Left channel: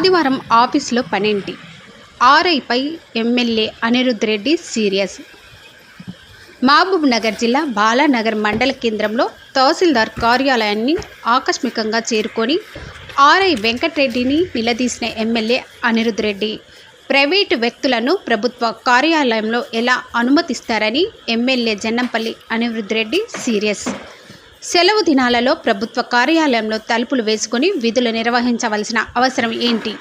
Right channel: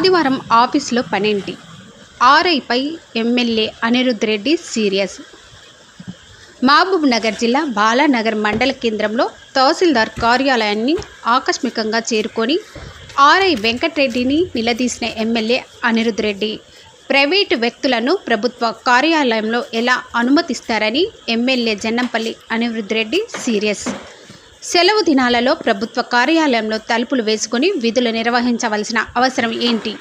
ఆదివారం ఆఫీసులో పనేంటి? ఆర్ఐపై ఎమ్మెల్యే అనిరుద్ రెడ్డి సీరియస్. మహబూబ్ నగర్ జిల్లా బాలానగర్ మండల కేంద్రంలో తహసీల్దార్ కార్యాలయాన్ని ఆకస్మికంగా చేరుకొని ఆర్ఐ వెంకటరెడ్డిని నిలదీసిన ఎమ్మెల్యే అనిరుద్ రెడ్డి ప్రైవేటు వ్యక్తులను ప్రభుత్వ కార్యాలయంలో ఎలా అనుమతిస్తారని ఎమ్మెల్యే జన్నంపల్లి అనిరుద్ రెడ్డి సీరియస్. సెలవు దినాలలో ప్రభుత్వ కార్యాలయంలో తలుపులు వేసుకుని విధులు నిర్వహించవలసిన అవసరం ఏంటి?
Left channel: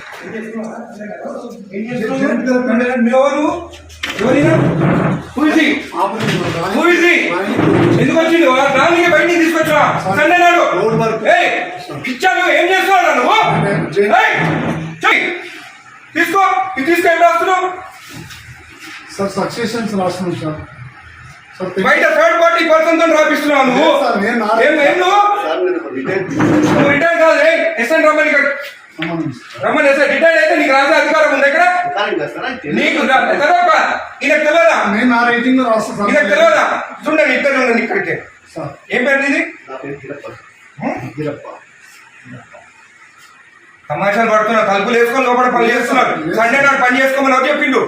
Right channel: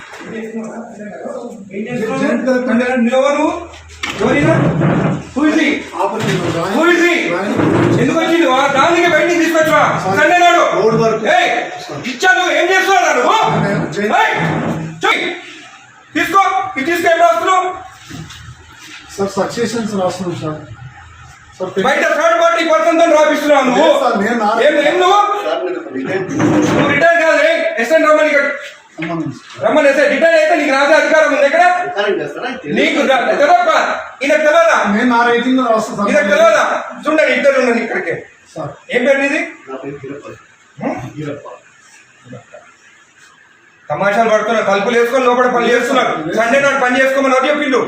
తీసుకో ఇది తీసుకో ఏం రాస్తున్నావు సార్ సక్సెషన్స్ రాస్తున్నాం సార్ బయట థర్డ్ పార్టీ పర్సన్తో రాపిస్తున్నావు నువ్వు. నువ్వు? రిటైర్ కాదు ఎస్ఎన్ రమ్మని. రమ్మని ఎస్ఎన్ రిటైర్ అయితే నీకు రాసే అధికారం ఉంది ఇక్కడ నీకు తెలియక ఈయనకు తెలియదా నేను నా రేటింగ్ ఈయనకు తెలియదా చూడండి ఇద్దరు ఉండండి ఇక్కడికి. ఏం పేరు ఇది తమాషాలు పడుతున్నారు తలుపులు వేసుకొని లోపల పని చేస్తున్నారు. సండే నాడు పని చేసుకోమని చెప్పిండు.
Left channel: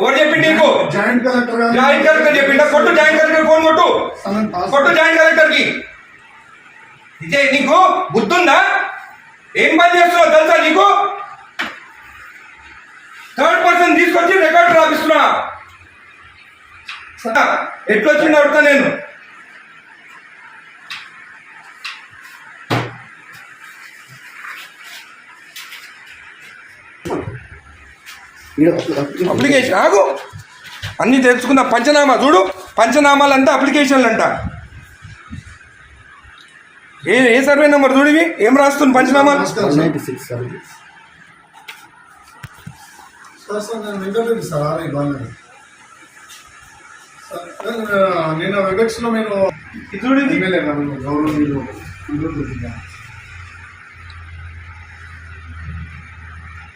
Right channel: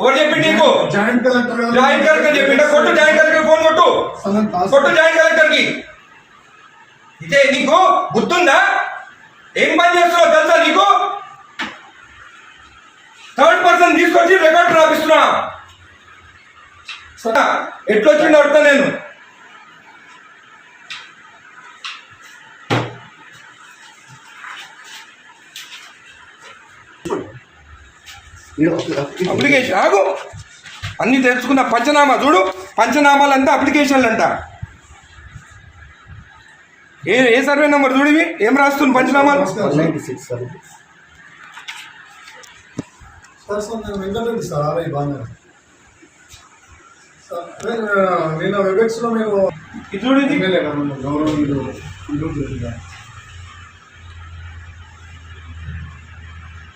ఎవరు చెప్పిండు నీకు? జాయింట్ కలెక్టర్ జాయింట్ కలెక్టర్ చెప్పిండా? కొట్టు జాయింట్ కలెక్టర్ ఫోన్ కొట్టు. కొట్టు జాయింట్ కలెక్టర్కి ఇదే నీకు? బుద్ధుందా? ఏం పని చేస్తున్నావు తెలుసా నీకు? థర్డ్ పర్సన్ తీసుకొచ్చి రికార్డు రాపిస్తున్నా. ఎట్లా వచ్చిండు అడుగుతా నేను? అప్లికేషన్ ఆగు. అన్ని తెలుసుకున్న పంచనామా చూడు. పంచనామాలంతా అప్లికేషన్లు అంట ఏ ఏ సర్వే నెంబర్ చూడివి ఏం రాస్తుంది పంచనామాలు నమస్కారం సార్. సార్ సార్ నేను వెంకటరెడ్డి సార్ ఆర్ఐ బాగా సార్ నేను, నిన్న వెబెక్స్లో మీరు ఇది చూడు ఇది. ఎమ్మెల్యే గారు నన్ను గౌరవనీయులు అనిరుద్ధ్ రెడ్డి గారు.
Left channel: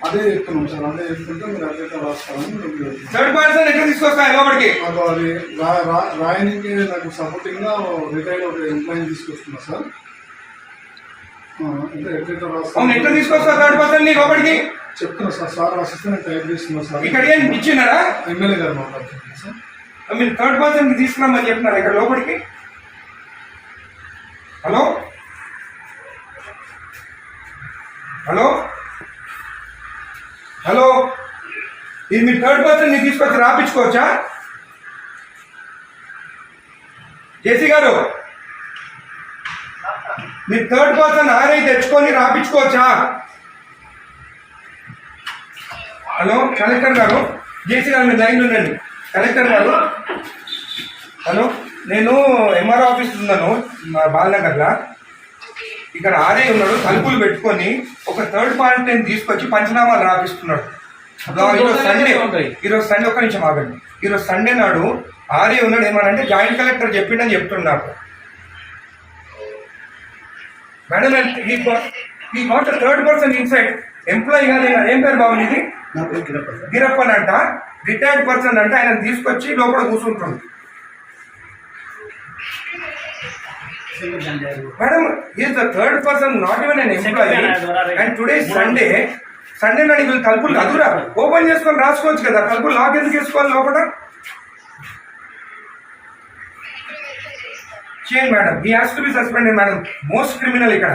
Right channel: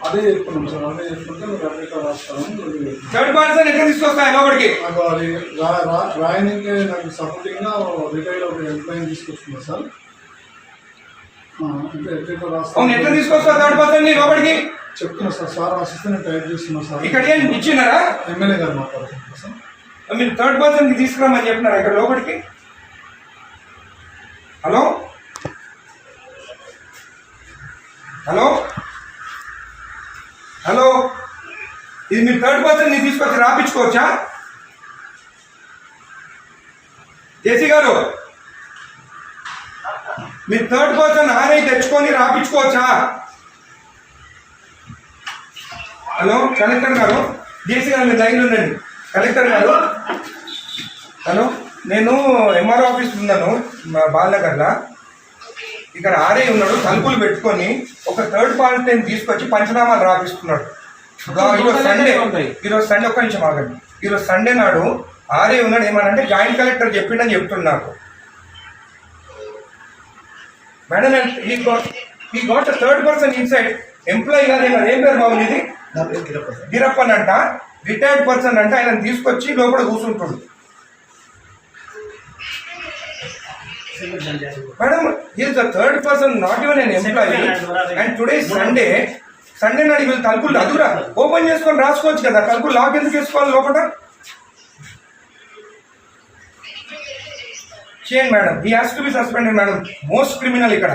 అదే చెప్తున్నాం సార్ అదే చెప్తుంటే మీరు మీరు చెప్తున్నారు. థర్డ్ పర్సన్ ఎట్లా తీసుకొస్తాయి లోపలికి. నాకు అది రాయనికి నాకు సపోర్టింగ్గా రిటైల్ ఒక ఎంప్లాయీ తీసుకొస్తున్నా సార్. అంటే ఎట్లా రాస్తా అవును ఎట్లా తీసుకొస్తావు థర్డ్ పర్సన్ని లోపలికి? చెప్తున్నా సార్ సార్ రాసిస్తే నేను టైప్ చేస్తున్నా సార్. ఇక్కడ ఏం ఇచ్చినారా? ఎమ్మెల్యే గారు మాట్లాడుతున్నా సార్. మీరు థర్డ్ పర్సన్కి తీసుకురామని చెప్పినారా ఇక్కడ లోపలికి? హలో హలో ఇది మీరు థర్డ్ పర్సన్ని తీసుకొచ్చి రాపించుకోవచ్చా? జేసీ గారు మీరు థర్డ్ పర్సన్ ఆర్ఐ తెచ్చుకొని రాపించుకోవచ్చా? హలో కలెక్టర్ గారు జేసీ గారు మీరు లైన్లో ఉండండి. కలెక్టర్ గారు హలో నేను ఎంఆర్ ఆఫీస్ ఉన్నాను మా బాలనగర్లో. ఇక్కడ ఆర్ఐ ఉన్నాడు తలుపులు పెట్టుకొని ఒక థర్డ్ పార్టీని తీసుకొచ్చి పంచనామాలు రాపిస్తున్నాడు. ఈరోజు సండే ఈరోజు సండే ఒక్క నిమిషం ఆగండి. ఈరోజు సండే నాడు ఆర్ఐ ఉన్నాడు. ఏమనంటే జాయింట్ కలెక్టర్ చెప్పిండని చెప్తున్నాడు మేడం ఈ got third person inside employee గారు ఏమన్నా- ఏం పేరు బాబు ఇది గిరప్పన్ అంట రిటైర్డ్ పర్సన్ అంటే. ఆయన తీసుకొచ్చి లోపల కూర్చుంటుంది. Madam is the third person not even an employee and today Sunday Sunday నాడు వీళ్ళు తలుపులు అదురా ఓపెన్ చేసుకొని రాసుకోవచ్చు కదా తలుపులు లాక్ ఎందుకు వేసుకోవాలి లోపల? చేయండి మేడం ఈ has to be suspended madam. Most criminal ఇక్కడ.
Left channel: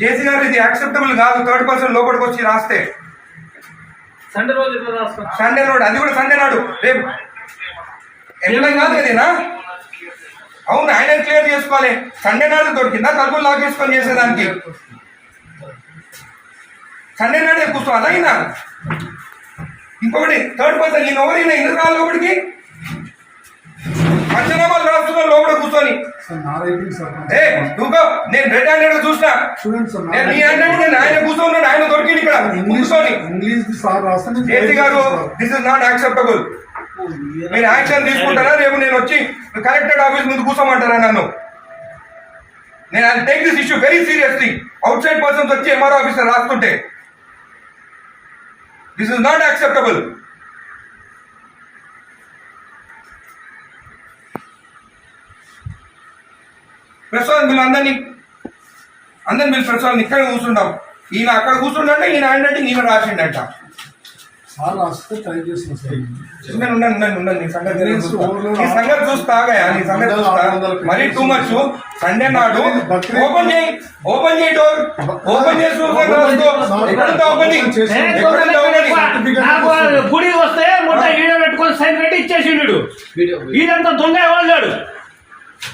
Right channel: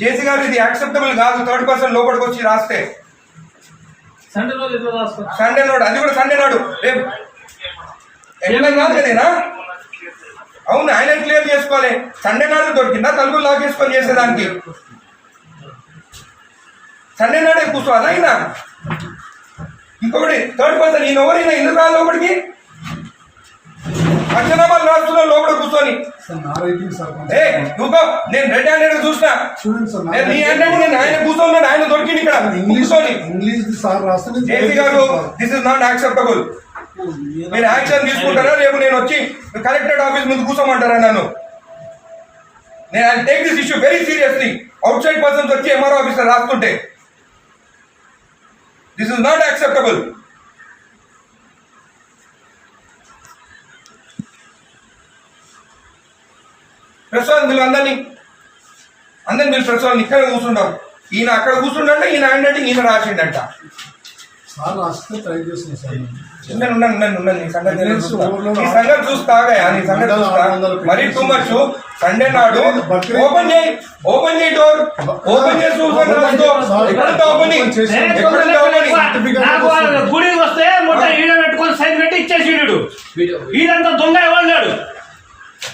జేసీ గారు ఇది యాక్సెప్టబుల్ కాదు థర్డ్ పర్సన్ లోపలికి వచ్చి రాస్తే. సండే సండే నాడు అది కూడా సండే నాడు. రేపు. ఎంప్లాయ్ కాదు కదేనా? అవును ఆయన క్లియర్ చేసుకోవాలి. సండే నాడు దొరికిందా? తలుపులు లాక్ చేసుకొని చేసేదానికి. సండే నాడే కూర్చోవాలా ఆయన ఇంకొకటి థర్డ్ పర్సన్ ఈయన ఎవరైనా ఎందుకు రాలి లోపలికి? పంచనామాలు రాస్తున్నా లోపల కూర్చొని. ఏ నువ్వు నేను రెడ్ హ్యాండెడ్ చూసినా. నేను నీ. హ్యాండెడ్ నేను ఆయన కూర్చోన్నాడు ఆయన దొరికింది ఇక్కడ కూర్చొని. ఇంగ్లీష్ సార్ రాస్తే నేను జేసీ గారు దిస్ ఇస్ నాట్ యాక్సెప్టబుల్ మీరు యాక్షన్ తీసుకుంటారా? రేపు నేను వచ్చి కలెక్టరేట్ ఆఫీస్ ముందు కూర్చోమంటారా నన్ను? నేను I take this issue very seriously outside persons వచ్చి MR officer రాస్తుంటే. This is not acceptable press వాళ్ళు మీరు అందరినీ అందరిని మీరు ప్రెస్ వాళ్ళని ఇక్కడే కూర్చుంటాం. ఈయన అక్కడ కూర్చుండంటే ఈయన అంటే ఈయన రాసిండంట. సార్ రాస్తే ట్రై చేస్తున్నా సార్. నేను. ఉన్నాను ఉన్నాను ఉన్నాను ఉన్నాను నీ సంగతి చూస్తా. నీ సంగతి చూస్తా. మరీ టూ మచ్ సండే నాడు ఓపెన్ చేయి ఓపెన్ చేయి డోర్. ఓపెన్ చేసి ఓపెనింగ్ నాకు గుడికి వస్తే మొట్ట ఈడ పెట్టుకొని సైన్ పెట్టి ఇచ్చేసిండు. ఈడంతా దొంగ ఎవరు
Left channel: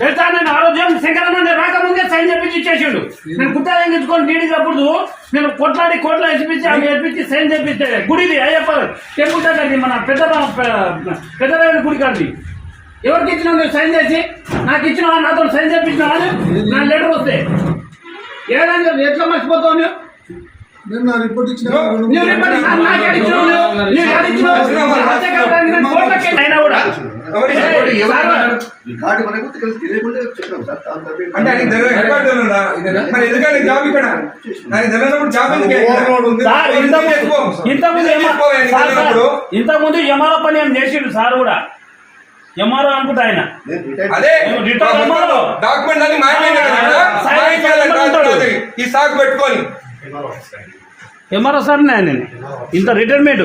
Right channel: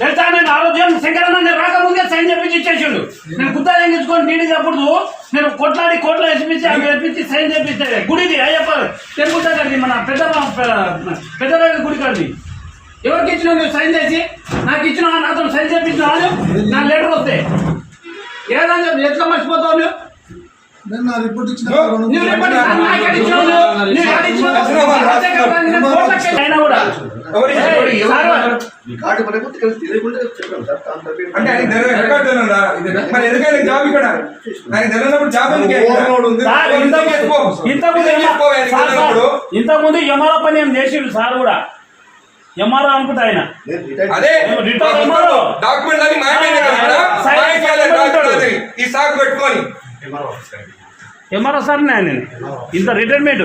తెలుసా? నేను ఆరోగ్యం శంకరన్న రాకముందే సైన్ చెప్పించి ఇచ్చేసిండు. నేను గుత్తా తెంగించుకొని నీడి అప్పుడు నేను కొట్లాడి కోట్ల వేసిపించి ఆమె వేపించి సైన్ చేపిస్తే గుడిది అయ్యప్ప టెంపుల్ దగ్గరది మన పెద్ద పెద్ద గుడి కాదు ఎవరికి ఇచ్చినావు నువ్వు సైన్ చేసి నాకు ఇచ్చినావా నాతో సైన్ చేపించినావా నువ్వు? నా లెటర్ వస్తే. ఏదైనా ఎట్లా మర్చిపోతావు నువ్వు? నేను నా రిపోర్ట్ ఇచ్చిన చెప్పాం. ఇంతకుముందు ఎంఆర్ఓ పని ఏం చేసిండు సార్ కూడా. ఎంఆర్ఓ అనుకుంటా ఆయన. అదే. డాక్యుమెంట్ మాయమైంది కదా మాయమైంది ఈ సాకు పెట్టుకొని. ఎంఆర్ఓ సార్ నేను ఇంత రిటైర్మెంట్